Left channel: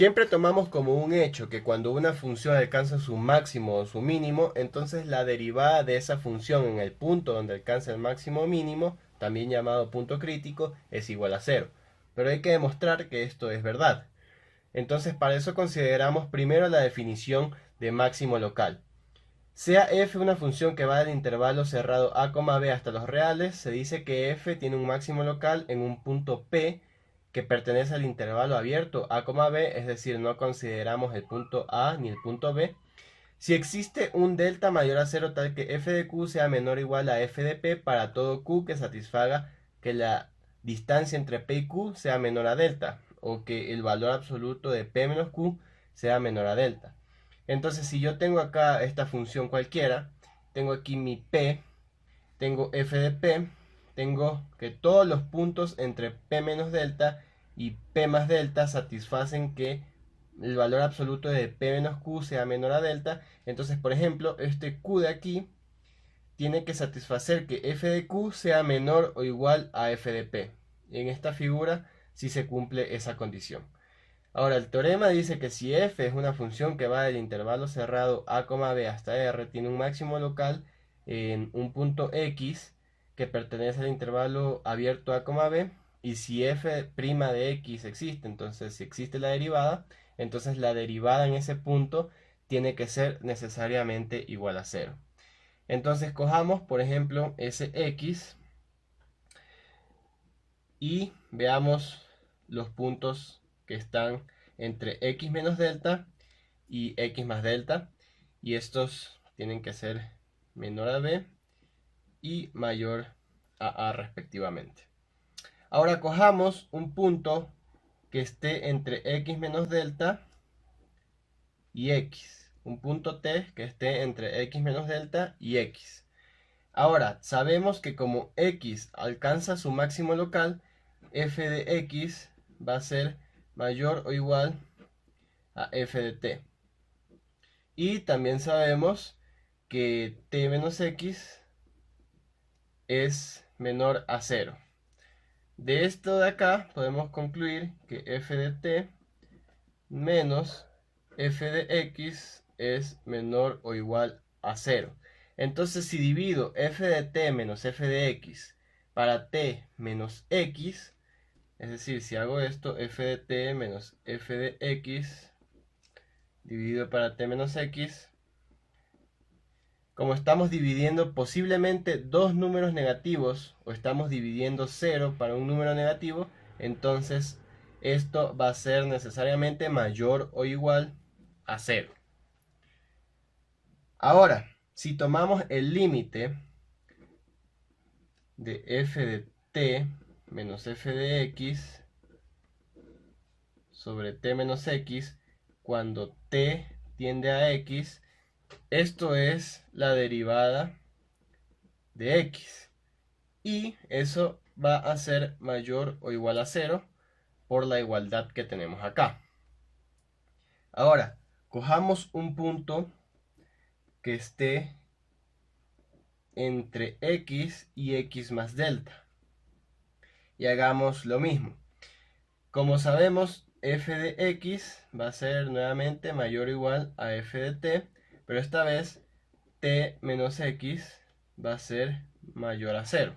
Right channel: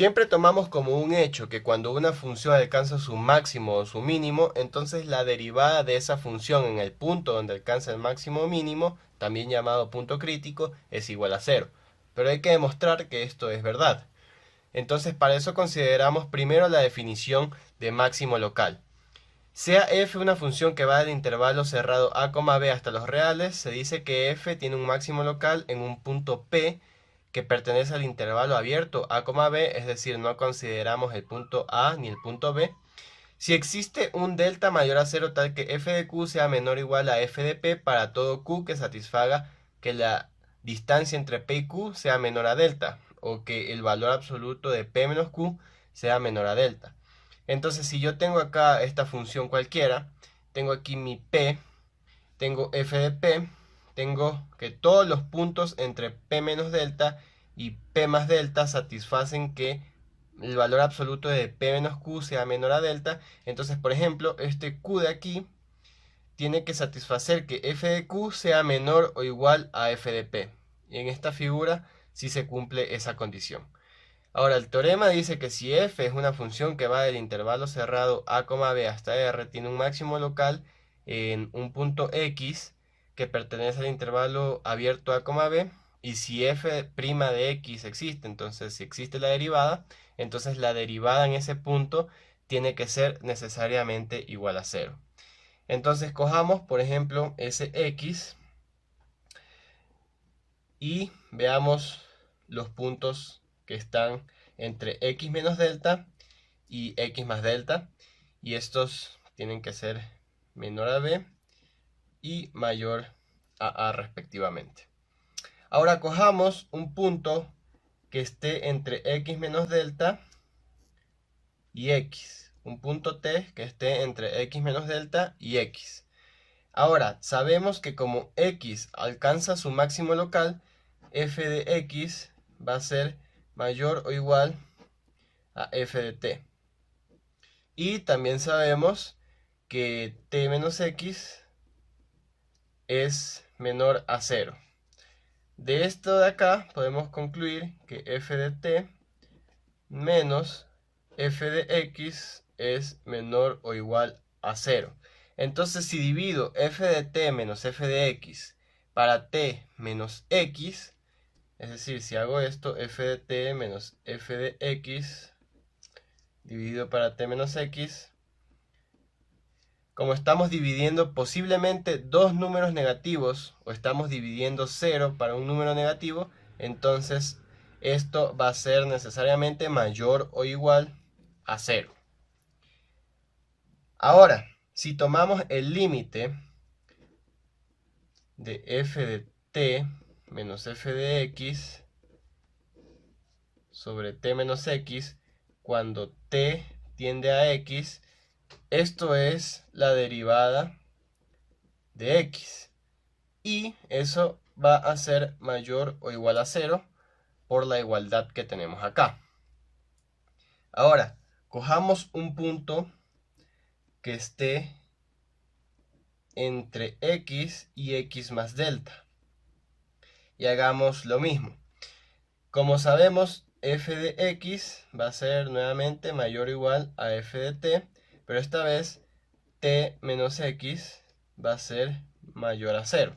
Siempre tomamos como un hecho que cuando una función alcanza su máximo o su mínimo, entonces la derivada de esa función en el punto donde alcanza el máximo o mínimo, también llamado punto crítico, es igual a cero. Pero hay que demostrar que esto es verdad. Entonces para eso consideramos primero la definición de máximo local. Sea f una función que va del intervalo cerrado a, b hasta los reales, se dice que f tiene un máximo local en un punto P que pertenece al intervalo abierto a, b, es decir, no consideramos el punto A ni el punto B. Si existe un delta mayor a cero tal que f de q sea menor o igual a f de p para todo q que satisfaga que la distancia entre p y q sea menor a delta, o que el valor absoluto de p menos q sea menor a delta. Entonces, si yo tengo acá esta función cualquiera, tengo aquí mi p, tengo f de p, tengo que todos los puntos entre p menos delta y p más delta satisfacen que el valor absoluto de p menos q sea menor a delta. Entonces, por ejemplo, este q de aquí tiene que satisfacer que f de q sea menor o igual a f de p. Y en esta figura sí se cumple esa condición. Ahora, el teorema dice que si f es una función que va del intervalo cerrado a, b hasta r, tiene un máximo local en un punto x que pertenece al intervalo abierto a, b, y si f' de x existe, entonces si existe la derivada, entonces la derivada en ese punto tiene que ser necesariamente igual a cero. Entonces cojamos, por ejemplo, ese x y veamos los puntos que están entre x menos delta y x más delta, y estos tienen que ser menor a b y mayor a respectivamente. Ahora cojamos un punto que esté entre x menos delta y x, un punto t que esté entre x menos delta y x. Ahora, sabemos que como x alcanza su máximo local, f de x va a ser mayor o igual a f de t. Y también sabemos que t menos x es menor a 0. De esto de acá podemos concluir que f de t menos f de x es menor o igual a 0. Entonces, si divido f de t menos f de x para t menos x, es decir, si hago esto, f de t menos f de x dividido para t menos x, como estamos dividiendo posiblemente dos números negativos, o estamos dividiendo 0 para un número negativo, entonces esto va a ser necesariamente mayor o igual a 0. Ahora, si tomamos el límite de f de t menos f de x sobre t menos x cuando t tiende a x, esto es la derivada de x. Y eso va a ser mayor o igual a 0 por la igualdad que tenemos acá. Ahora, cojamos un punto que esté entre x y x más delta. Y hagamos lo mismo. Como sabemos, f de x va a ser nuevamente mayor o igual a f de t, pero esta vez t menos x va a ser mayor a 0.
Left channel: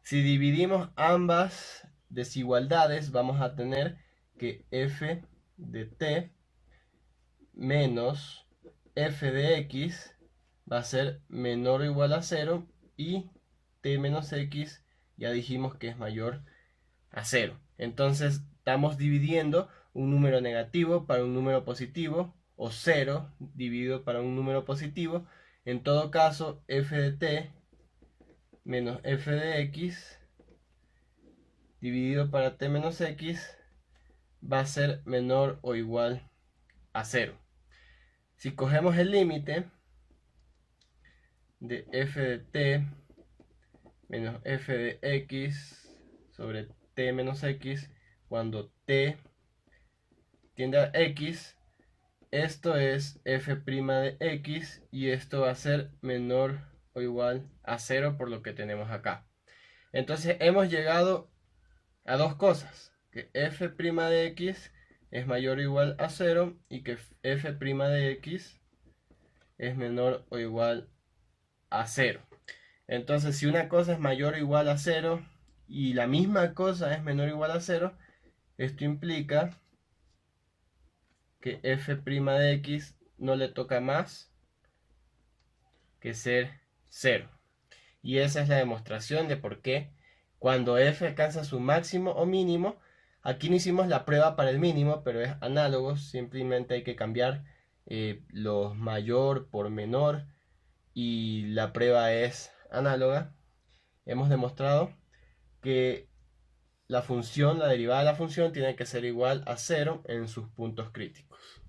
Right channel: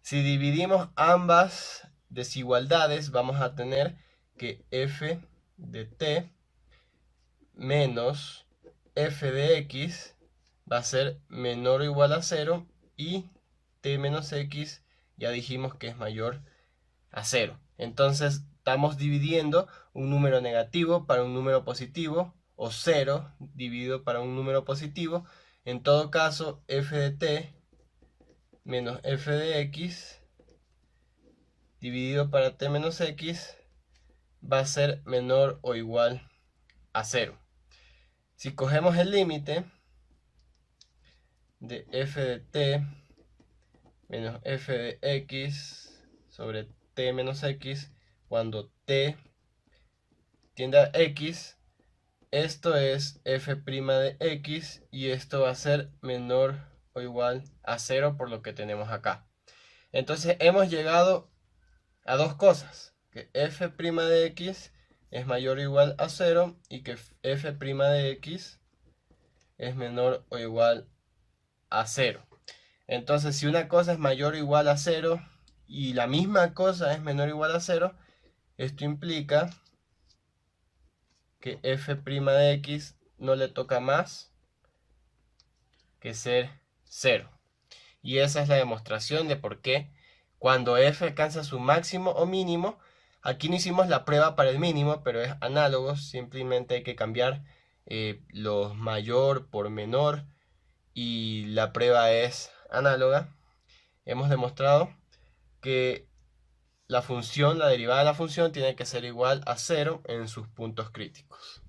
Si dividimos ambas desigualdades, vamos a tener que f de t menos f de x va a ser menor o igual a 0 y t menos x ya dijimos que es mayor a 0. Entonces estamos dividiendo un número negativo para un número positivo, o 0 dividido para un número positivo. En todo caso, f de t menos f de x dividido para t menos x va a ser menor o igual a 0. Si cogemos el límite de f de t menos f de x sobre t menos x cuando t tiende a x, esto es f' de x y esto va a ser menor o igual a 0 por lo que tenemos acá. Entonces hemos llegado a dos cosas. que f' de x es mayor o igual a 0 y que f' de x es menor o igual a 0. Entonces, si una cosa es mayor o igual a 0 y la misma cosa es menor o igual a 0, esto implica que f' de x no le toca más que ser 0. Y esa es la demostración de por qué cuando f alcanza su máximo o mínimo, aquí no hicimos la prueba para el mínimo, pero es análogo, simplemente hay que cambiar los mayor por menor y la prueba es análoga. Hemos demostrado que la derivada de la función tiene que ser igual a 0 en sus puntos críticos.